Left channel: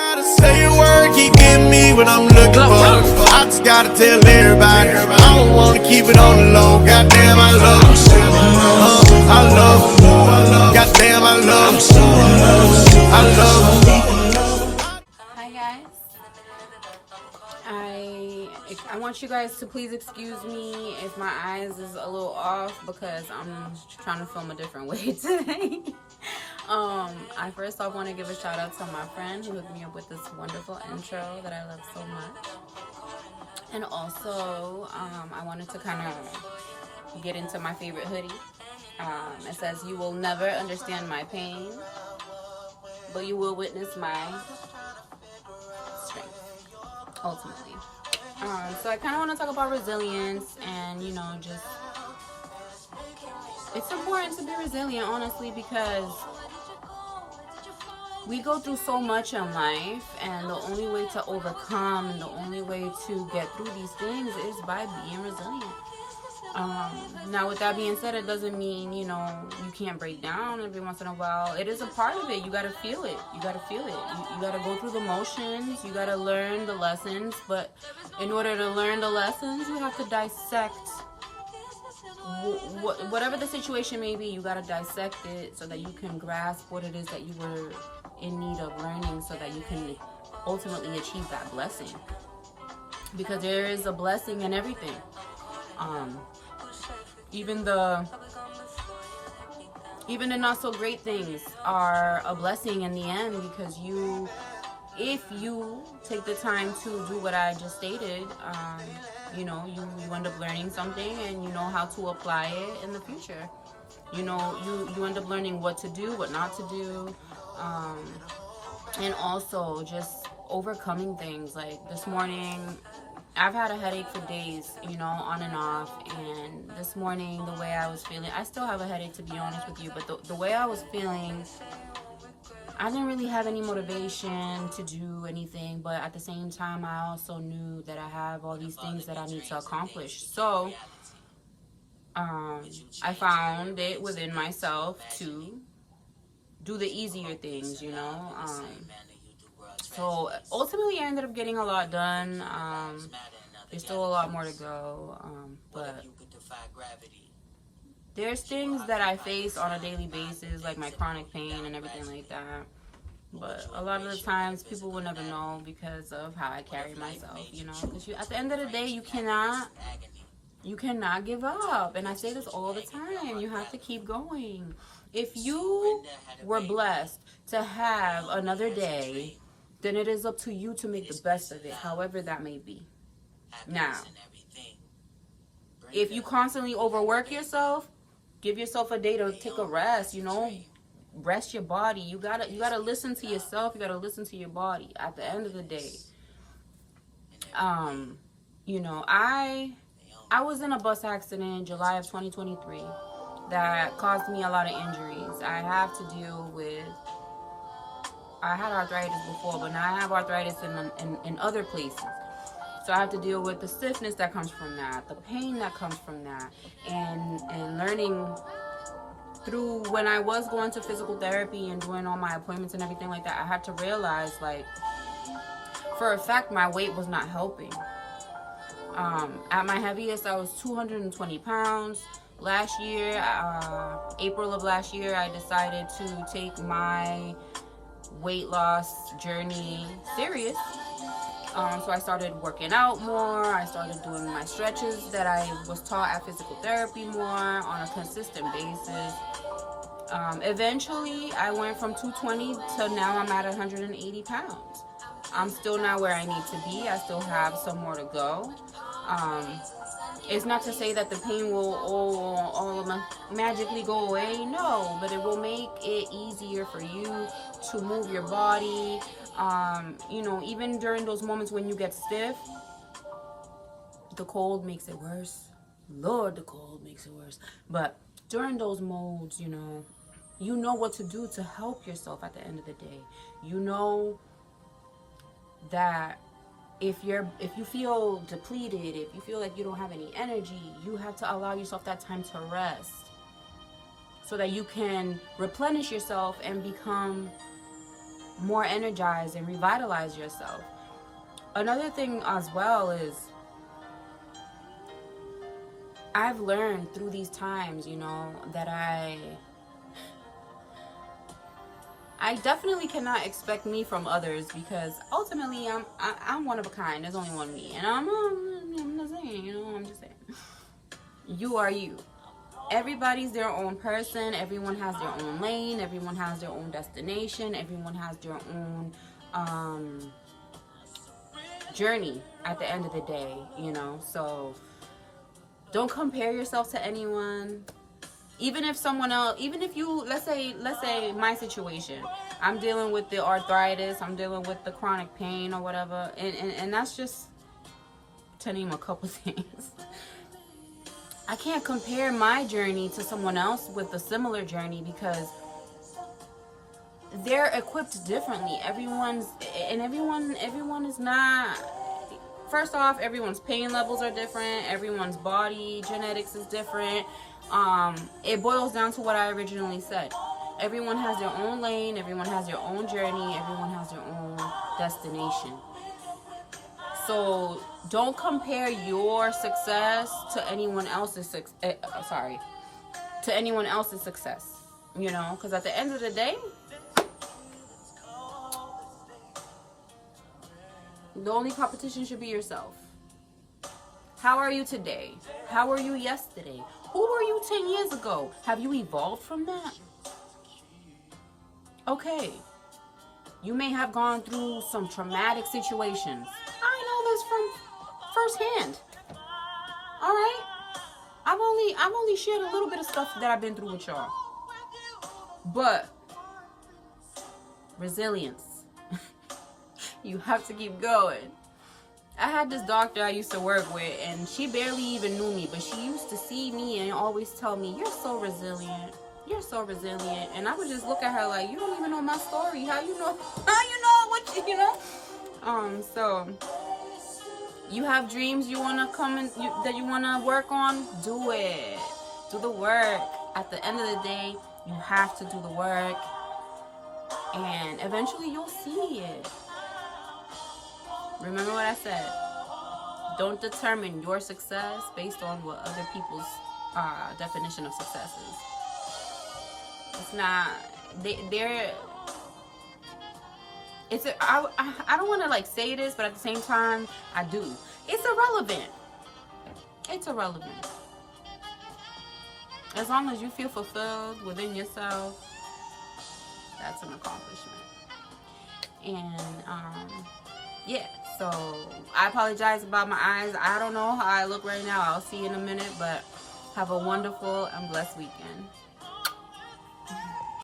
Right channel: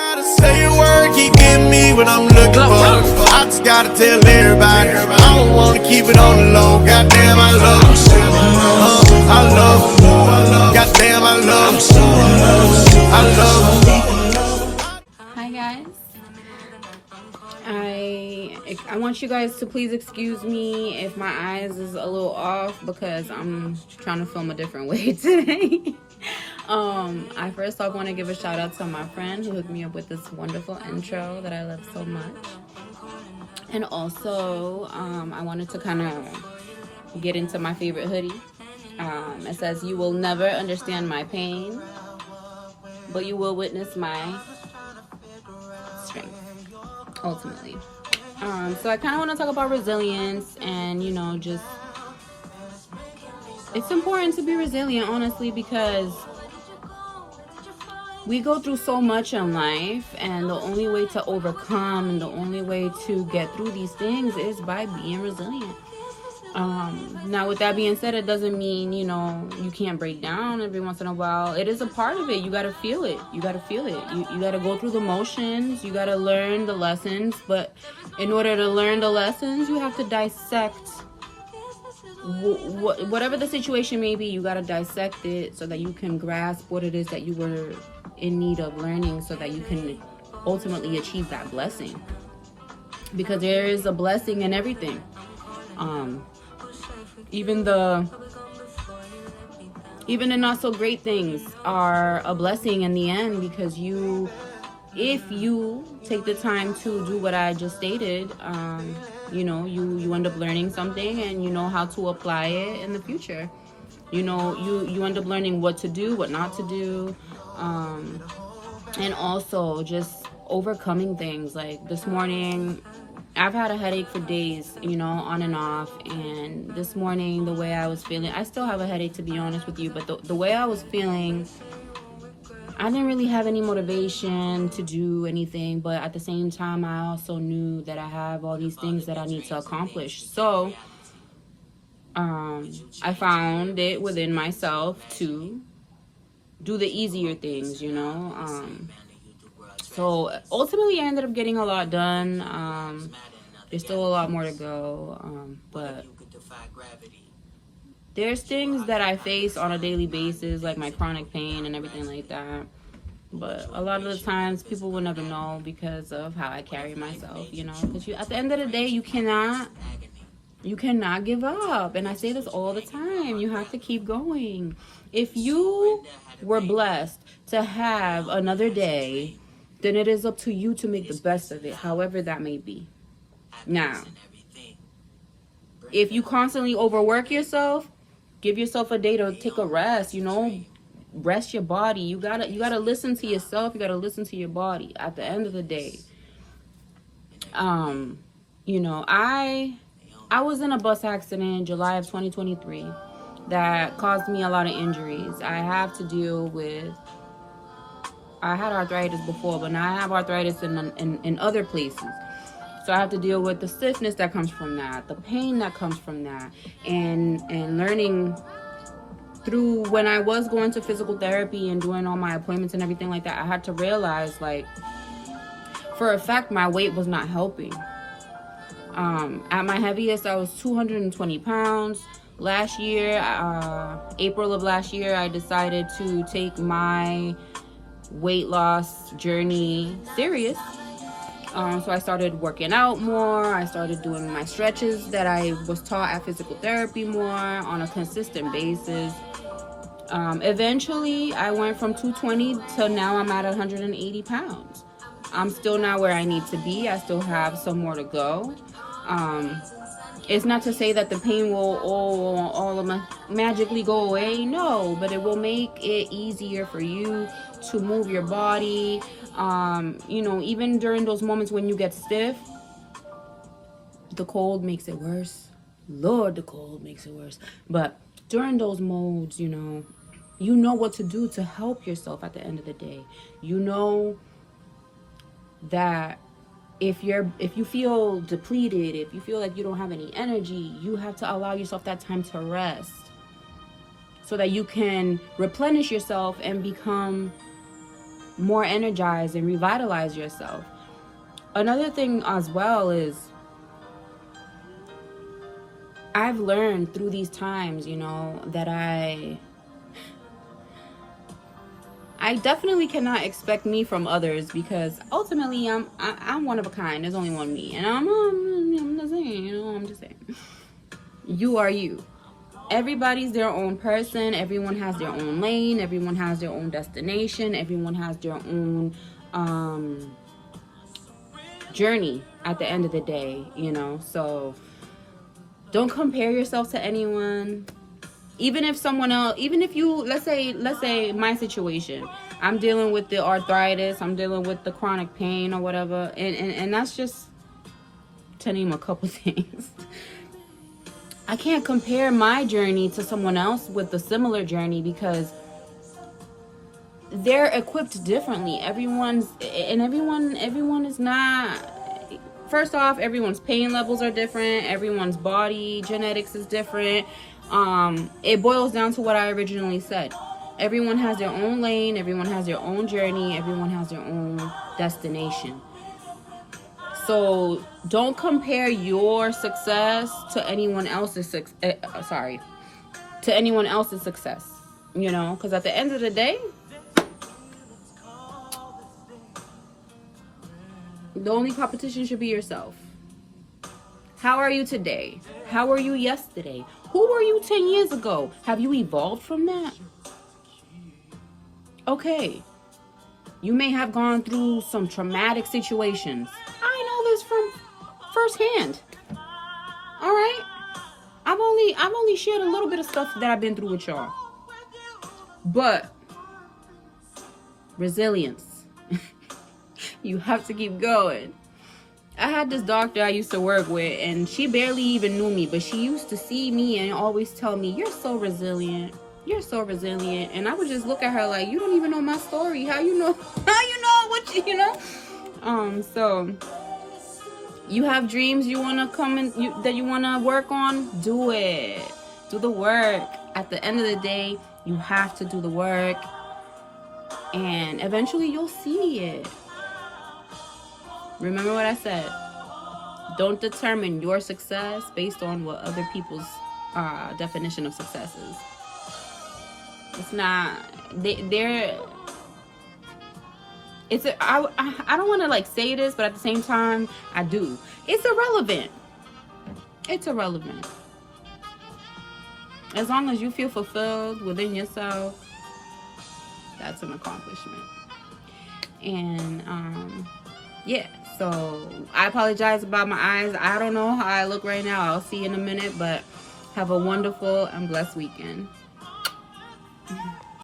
gotta say a word, keep getting me what I'm looking for. I just gotta tell everybody, I don't wanna keep it on the low. Goddamn, I love them. I love them. Goddamn, I love them. I love them. Hi guys. I want you guys to please excuse me if my eyes is a little off because I'm trying to film a different way today. I first off want to give a shout out to my friend who hooked me up with this wonderful intro that I love so much. And also, I wanted to kind of get into my favorite hoodie. It says, "You will never understand my pain, but you will witness my strength, ultimately." So I kind of want to talk about resilience and, just it's important to be resilient, honestly, because we go through so much in life, and the only way to overcome and the only way to get through these things is by being resilient. Now, with that being said, it doesn't mean, you can't break down every once in a while. It is a part of it. You got to feel it. You got to feel it. You got to go through the motions. You got to learn the lessons. But in order to learn the lessons, you have to dissect whatever the situation may be. You got to dissect it so that you can grasp what it is that you were in need of learning, so that you can ultimately achieve that blessing. Because there is a blessing in everything. Even the not so great things are a blessing in the end, because if you take the time to do what I just stated, you end up learning something, and you know how to apply it in the future. You end up learning what to do, what not to do, and also just overcoming things. Like this morning, I've had a headache for days, on and off. And this morning, the way I was feeling, I still have a headache, to be honest with you, but the way I was feeling, I didn't really have any motivation to do anything. But at the same time, I also knew that I have all these things that I need to accomplish. So I found it within myself to do the easier things, So ultimately, I ended up getting a lot done. There's still a lot more to go, but there's things that I face on a daily basis, like my chronic pain and everything like that. But a lot of the times, people will never know because of how I carry myself, Because at the end of the day, you cannot give up. And I say this all the time. You have to keep going. If you were blessed to have another day, then it is up to you to make the best of it, however that may be. Now, if you constantly overwork yourself, give yourself a day to take a rest, rest your body. You gotta listen to yourself. You gotta listen to your body at the end of the day. I was in a bus accident in July of 2023 that caused me a lot of injuries. I had arthritis before, but now I have arthritis in other places. So I have to deal with the stiffness that comes from that, the pain that comes from that, and learning through when I was going to physical therapy and doing all my appointments and everything like that, I had to realize, for a fact, my weight was not helping. At my heaviest, I was 220 pounds. Last year, April of last year, I decided to take my weight loss journey serious. So I started working out more. I started doing my stretches that I was taught at physical therapy more on a consistent basis. Eventually, I went from 220 to now I'm at 180 pounds. I'm still not where I need to be. I still have some more to go. It's not to say that the pain will all magically go away. No, but it will make it easier for you to move your body. Even during those moments when you get stiff, the cold makes it worse. Lord, the cold makes it worse. But during those modes, you know what to do to help yourself at the end of the day. You know that if you feel depleted, if you feel like you don't have any energy, you have to allow yourself that time to rest so that you can replenish yourself and become more energized and revitalize yourself. Another thing as well is I've learned through these times, you know, that I definitely cannot expect me from others, because ultimately I'm one of a kind. There's only one me, and I'm not saying, you know, I'm just saying, you are you. Everybody's their own person. Everyone has their own lane. Everyone has their own destination. Everyone has their own journey at the end of the day, you know. So don't compare yourself to anyone. Even if someone else, even if you, let's say my situation, I'm dealing with the arthritis, I'm dealing with the chronic pain or whatever, and that's just to name a couple things. I can't compare my journey to someone else with a similar journey, because they're equipped differently. Everyone is not. First off, everyone's pain levels are different. Everyone's body genetics is different. It boils down to what I originally said. Everyone has their own lane. Everyone has their own journey. Everyone has their own destination. So don't compare your success to anyone else's to anyone else's success. You know, because at the end of the day, the only competition should be yourself. How are you today? How were you yesterday? Who were you 10 years ago? Have you evolved from that? Okay. You may have gone through some traumatic situations. I know this from firsthand. All right? I've only shared a little bit of stuff that I've been through with y'all. But resilience. You have to keep going. I had this doctor I used to work with, and she barely even knew me, but she used to see me and always tell me, "You're so resilient. You're so resilient." And I would just look at her like, "You don't even know my story. How you know? How you know what you know?" So you have dreams you wanna that you wanna work on. Do it. Do the work. At the end of the day, you have to do the work, and eventually you'll see it. Remember what I said. Don't determine your success based on what other people's definition of success is. It's not. I don't want to like say this, but at the same time, I do. It's irrelevant. It's irrelevant. As long as you feel fulfilled within yourself, that's an accomplishment. And yeah. So I apologize about my eyes. I don't know how I look right now. I'll see you in a minute, but have a wonderful and blessed weekend.